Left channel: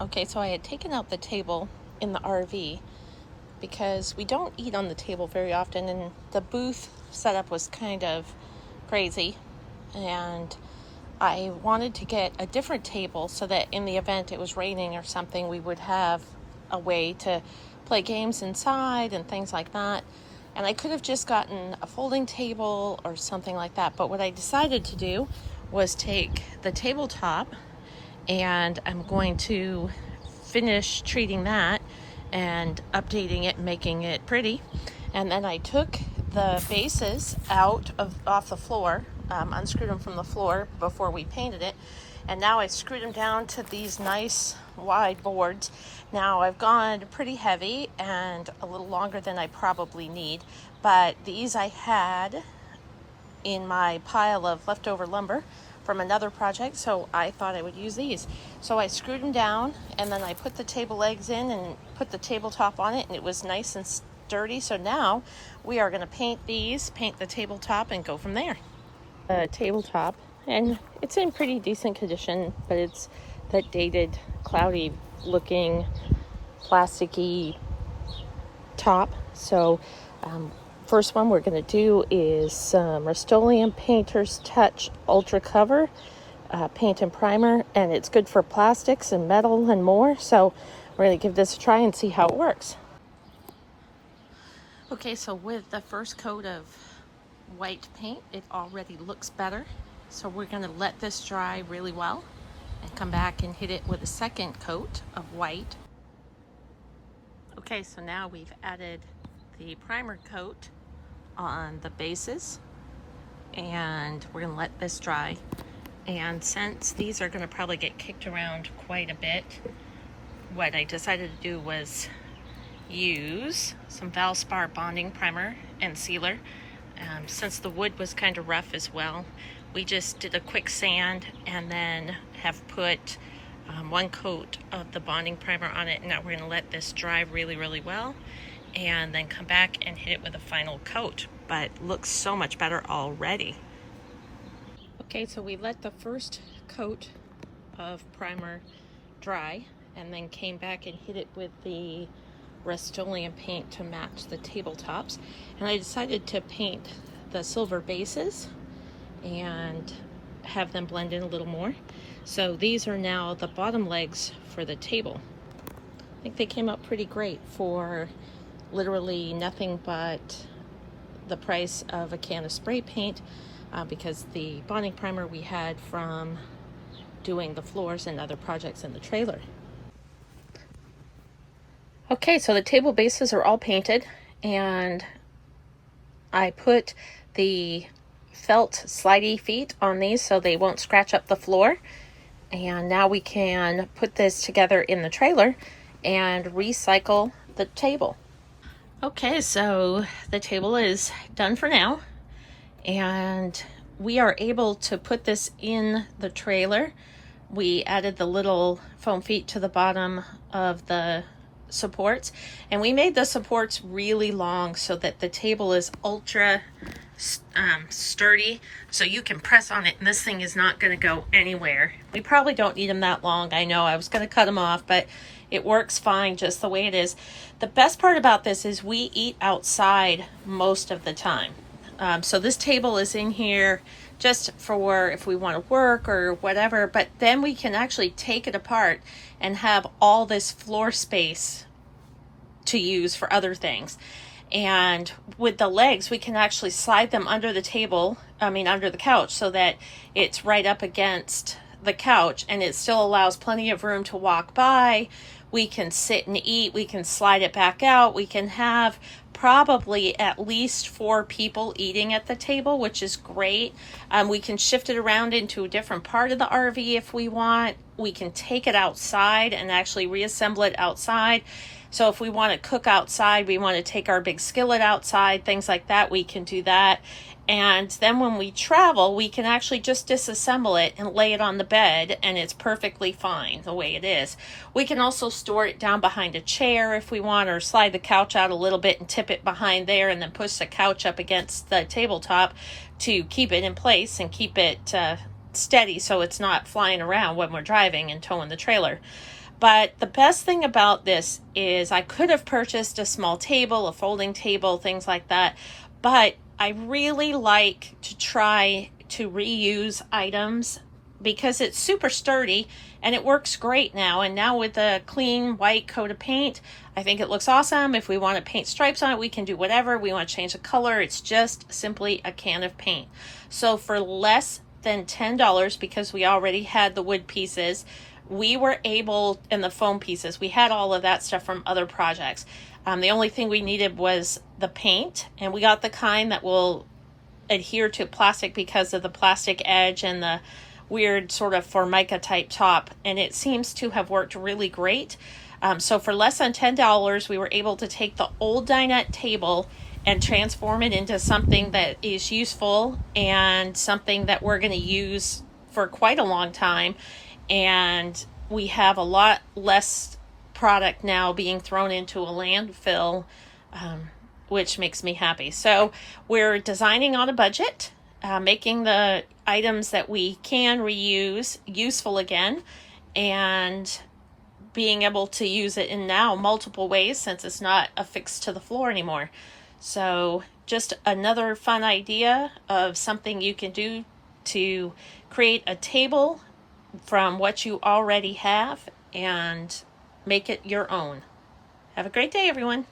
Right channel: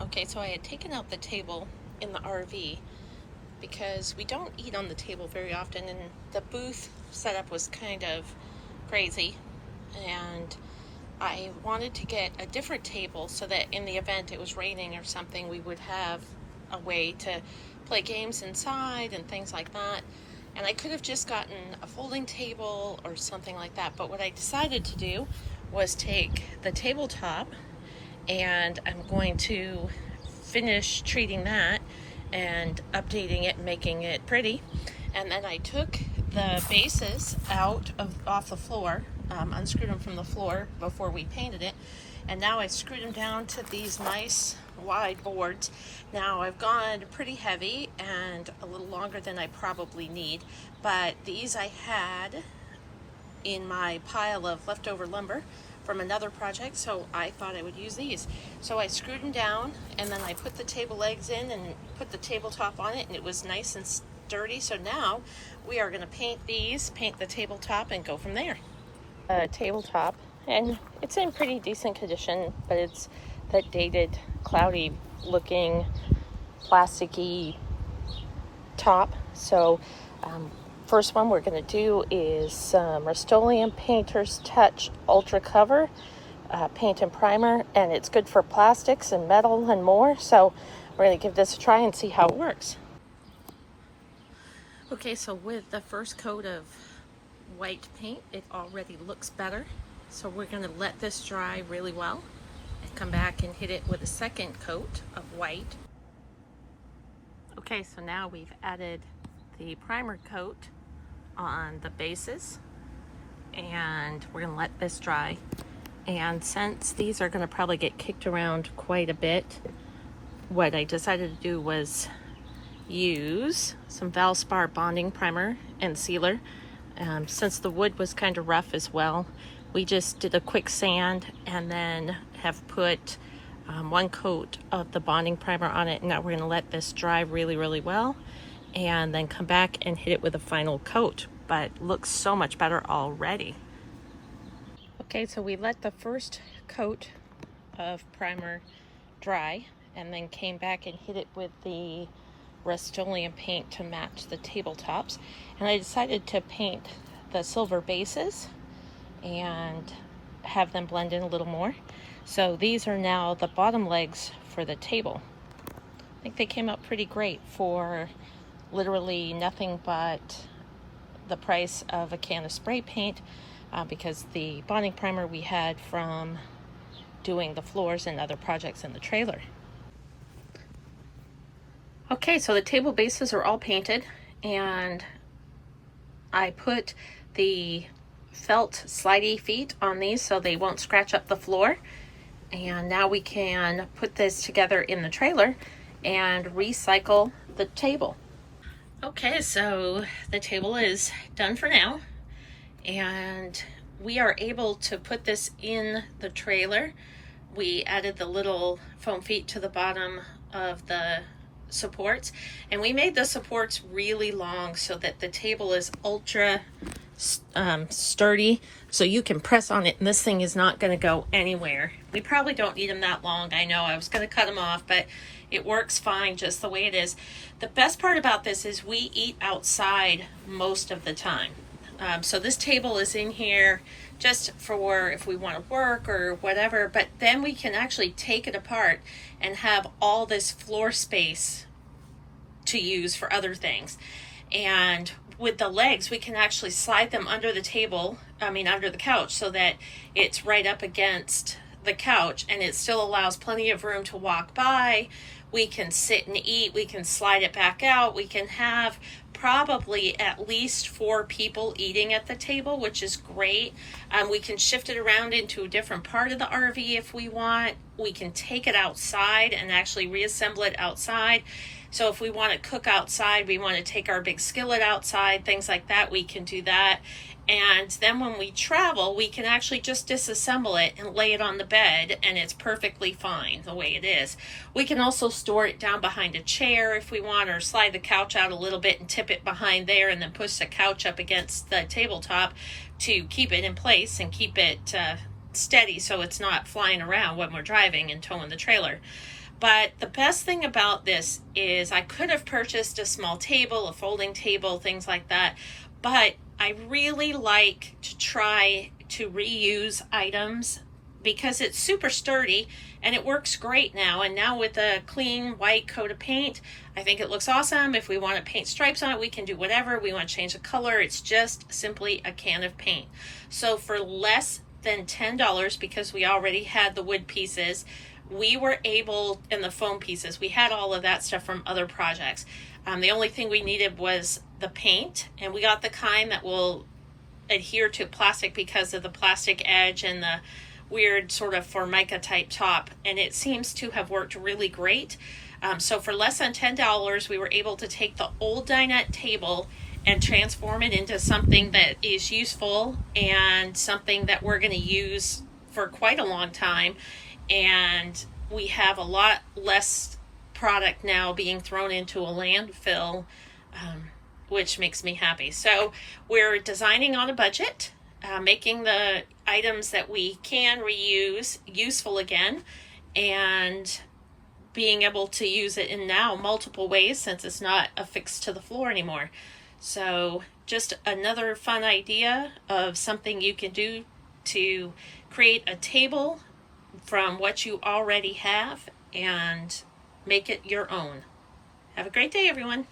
Okay, so I had taken out the table in the RV because we don't eat on the table very often, and the booth setup was kind of crazy, and I wanted to get a different table so that in the event it was raining or something, we would have a way to play games inside and things like that. And I could have just gotten a folding table or something like that, but what I decided to do was take the tabletop, and I'm going to finish treating that and updating it, making it pretty. And then I took the bases off the floor, unscrewed them from the floor before we painted it, and now I screwed them down to these nice wide boards. Now I've gone pretty heavy and a little longer than I probably need, but these I had in my pile of leftover lumber from another project, so I thought I would use these. So I screwed them down, and then I put the table legs in and put the tabletop on it, and it was nice and sturdy. So now we are going to paint the tabletop, and go from there. The tabletop, and it's in pretty decent condition, but it's that dated, cloudy looking, plasticky top. So first one we're going to do is some Rust-Oleum Painter's Touch Ultra Cover paint and primer, and it's good for plastics and metal and more. So we're going to give this a try and see how it works. Okay, so with the first coat of white paint, it already looks better. So we're going to let this dry really well and come back and hit it with a second coat of white. Okay, so now we've added the primer coat on the bases, and we're going to let this dry. And since these are going to probably get kicked around quite a bit, what I decided to do was use some Valspar bonding primer and sealer. Since the wood was kind of rough as well, we just did a quick sand and then have put one coat of the bonding primer on it. And now we're going to let this dry really well, and then come back and hit it with a final coat. But looks so much better already. Okay, so we let the first coat of primer dry, and then came back and hit it with the Rust-Oleum paint to match the tabletops. And I decided to paint the silver bases and have them blend in a little more. So these are now the bottom legs for the table. I think they came out pretty great for literally nothing but the price of a can of spray paint, because the bonding primer we had from doing the floors and other projects in the trailer. Okay, so the table bases are all painted, and I put the felt slidey feet on these so they won't scratch up the floor. And now we can put this together in the trailer and recycle the table. Okay, so the table is done for now, and we are able to put this in the trailer. We added the little foam feet to the bottom of the supports, and we made the supports really long so that the table is ultra sturdy, so you can press on it and this thing is not going to go anywhere. We probably don't need them that long. I know I was going to cut them off, but it works fine just the way it is. The best part about this is we eat outside most of the time. So this table is in here just for if we want to work or whatever, but then we can actually take it apart and have all this floor space to use for other things. And with the legs, we can actually slide them under the table, under the couch, so that it's right up against the couch, and it still allows plenty of room to walk by. We can sit and eat, we can slide it back out, we can have probably at least 4 people eating at the table, which is great. We can shift it around into a different part of the RV if we want. We can take it outside and actually reassemble it outside. So if we want to cook outside, we want to take our big skillet outside, things like that, we can do that. And then when we travel, we can actually just disassemble it and lay it on the bed, and it's perfectly fine the way it is. We can also store it down behind a chair if we want, or slide the couch out a little bit and tip it behind there, and then push the couch up against the tabletop to keep it in place and keep it steady so it's not flying around when we're driving and towing the trailer. But the best thing about this is I could have purchased a small table, a folding table, things like that. But I really like to try to reuse items because it's super sturdy and it works great now. And now with a clean white coat of paint, I think it looks awesome. If we want to paint stripes on it, we can do whatever. We want to change the color. It's just simply a can of paint. So for less than $10, because we already had the wood pieces, we were able, and the foam pieces, we had all of that stuff from other projects. The only thing we needed was the paint, and we got the kind that will adhere to plastic because of the plastic edge and the weird sort of formica type top, and it seems to have worked really great. So for less than $10, we were able to take the old dinette table and transform it into something that is useful and something that we're going to use for quite a long time. And we have a lot less product now being thrown into a landfill, which makes me happy. So we're designing on a budget, making the items that we can reuse useful again, and being able to use it in now multiple ways since it's not affixed to the floor anymore. So just another fun idea of something you can do to create a table from what you already have and make it your own. Have a great day, everyone.